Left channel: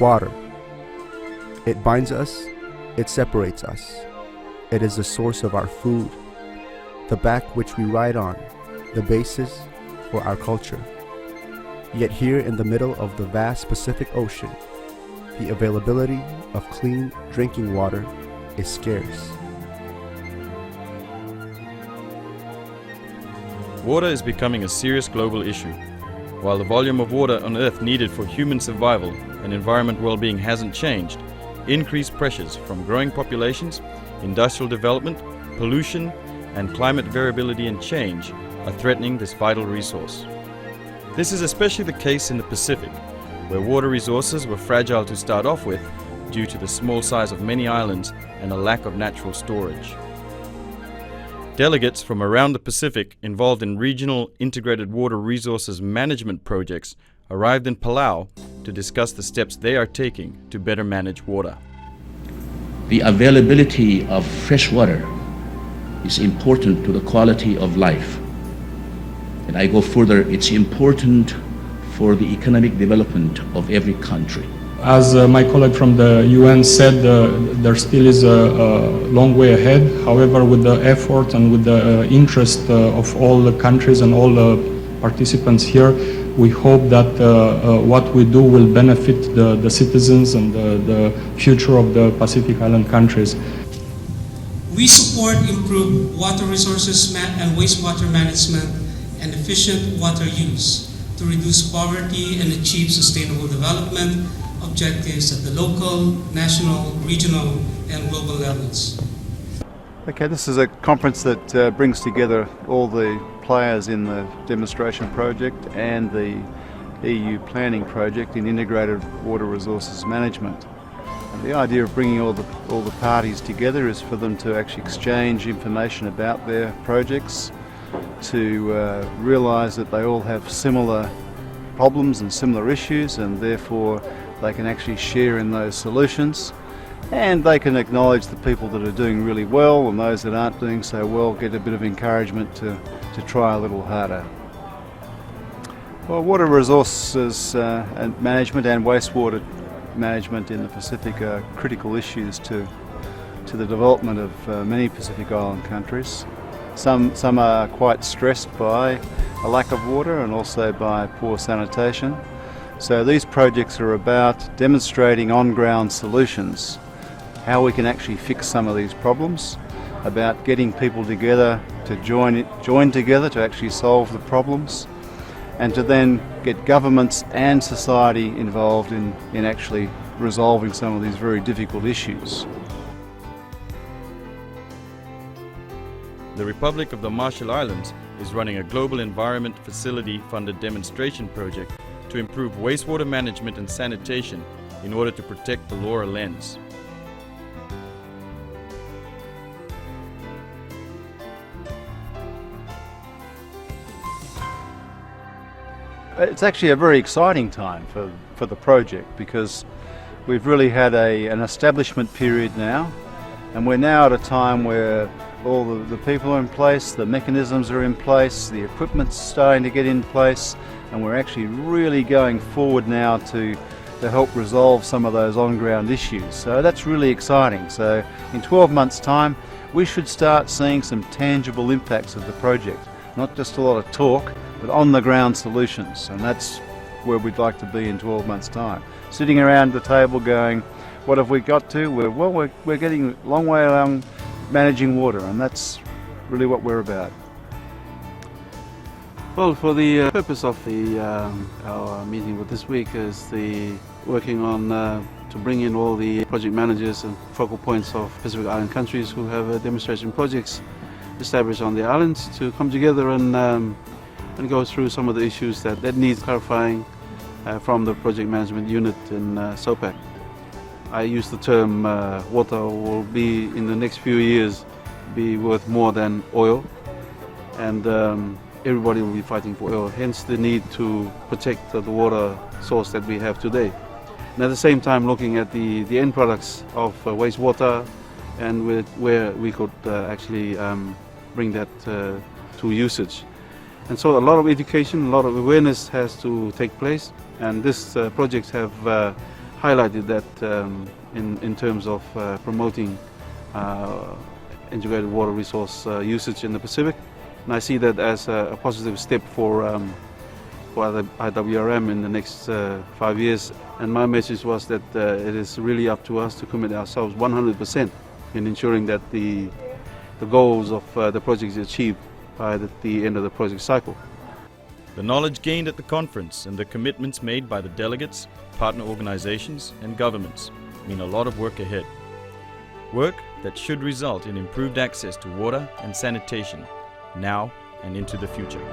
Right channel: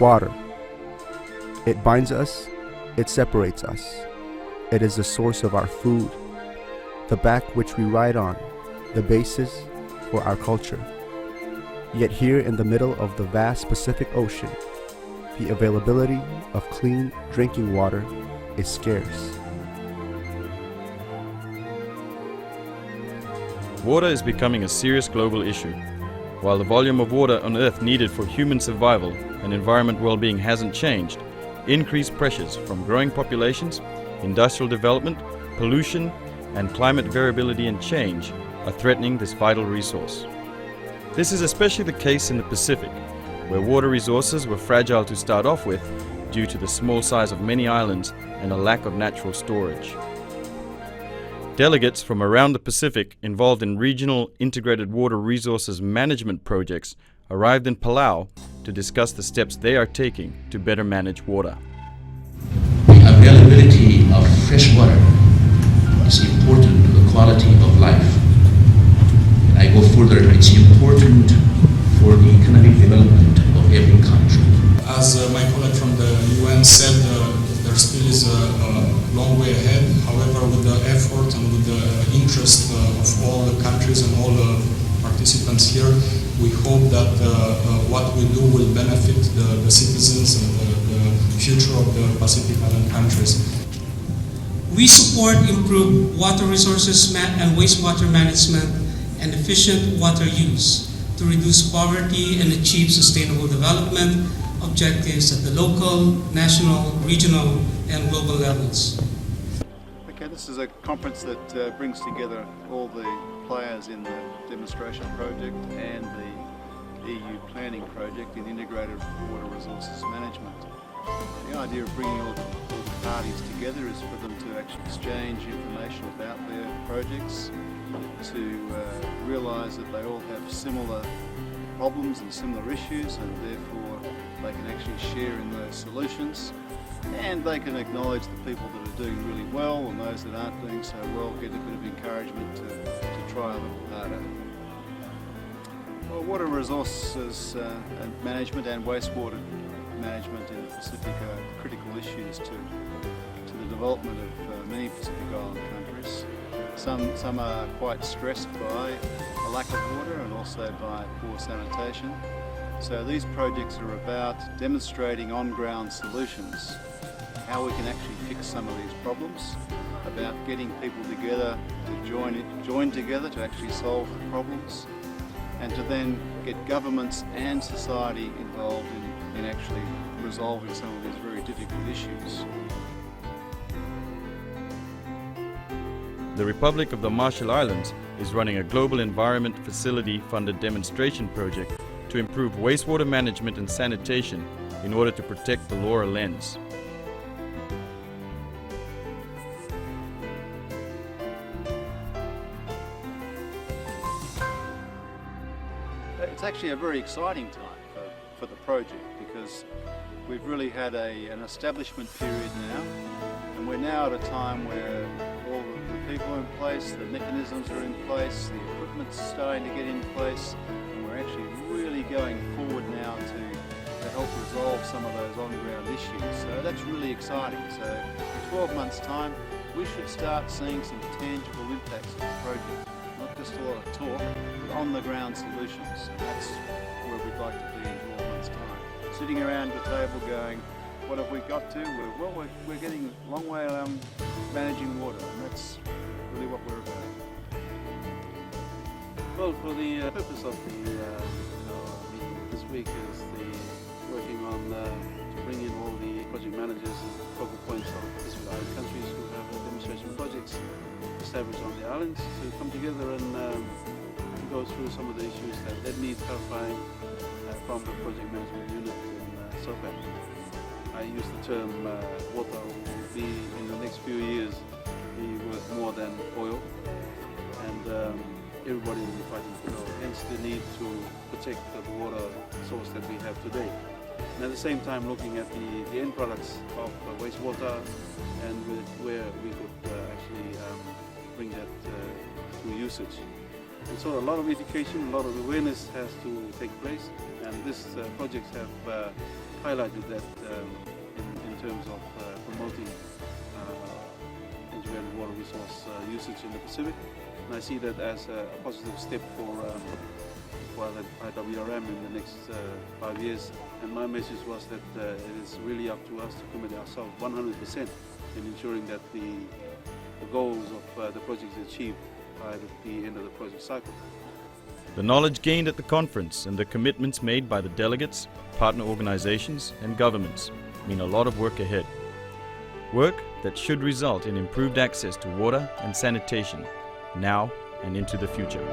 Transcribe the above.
Water. It binds us, it separates us. It is the source of our food, the back which we ride on, the basis for our culture. Yet here in the middle of the vast Pacific Ocean, the availability of clean drinking water is scarce. Water is becoming a serious global issue. While the volume of water on Earth needed for human survival and environment well-being hasn't changed, increased pressures from growing populations, industrial development, pollution, and climate variability and change are threatening this vital resource. This is especially the case in the Pacific, where water resources were fragile to start off with due to the small size of many islands and a lack of natural storage. Delegates from around the Pacific involved in regional integrated water resources management projects arrived in Palau to discuss the steps they are taking to better manage water. The availability of fresh water is important to the quality of life. And I go further, it's important for the economic development of every country. As my colleague from the UN said, there still is a long way ahead. However, with the effort and with the interest of all the countries and all the participants here, we hope that what we do will benefit the citizens and the future of the Pacific Island countries. We support improved water resources and wastewater management and efficient water use to reduce poverty and achieve sustainable development objectives at the local, national, regional, and global levels. Okay, this is a conference that brings together all the players in the demonstration project and the EU planning project in integrated water resources management. The idea of bringing all the parties together is for them to actually exchange information about their projects, to realise that they all have similar problems and similar issues, and therefore they can actually share in those solutions, and they can acknowledge the people that are doing really well, and those that aren't doing so well get a bit of encouragement to try a little harder. Well, water resources and management and wastewater management in the Pacific are critical issues to the development of many Pacific Island countries. Some are quite stressed by a lack of water and also by poor sanitation. So these projects are about demonstrating on-ground solutions, how we can actually fix some of these problems, about getting people together to join together to actually solve the problems, and to then get governments and society involved in actually resolving some of these very difficult issues. The Republic of the Marshall Islands is running a Global Environment Facility funded demonstration project to improve wastewater management and sanitation in order to protect the Laura lens. It's actually a very exciting time for the project, because we've really had an establishment period now, and we're now at a time where all the people are in place, the mechanisms are in place, the equipment's starting to get in place, and we're actually really going forward now to help resolve some of those on-ground issues. So that's really exciting. So in 12 months' time, we should start seeing some tangible impacts of the project. Not just a lot of talk, but on-the-ground solutions, and that's where we'd like to be in 12 months' time. Sitting around the table going, what have we got to? We're getting a long way along managing water, and that's really what we're about. Well, for the purpose of our meeting with this week is working on to bring in all the project managers and focal points of Pacific Island countries who have demonstration projects established on the islands to come together and go through some of the issues that need clarifying from the project management unit in SOPAC. I use the term water will be in the next few years be worth more than oil, and everybody will be fighting for oil, hence the need to protect the water source that we have today. And at the same time looking at the end products of wastewater and where we could actually bring that to usage. And so a lot of education, a lot of awareness has to take place, and this projects have highlighted that in terms of promoting integrated water resource usage in the Pacific. And I see that as a positive step for the IWRM in the next 5 years. And my message was that it is really up to us to commit ourselves 100% in ensuring that the goals of the project is achieved by the end of the project cycle. The knowledge gained at the conference and the commitments made by the delegates, partner organizations and governments mean a lot of work ahead. Work that should result in improved access to water and sanitation now and into the future.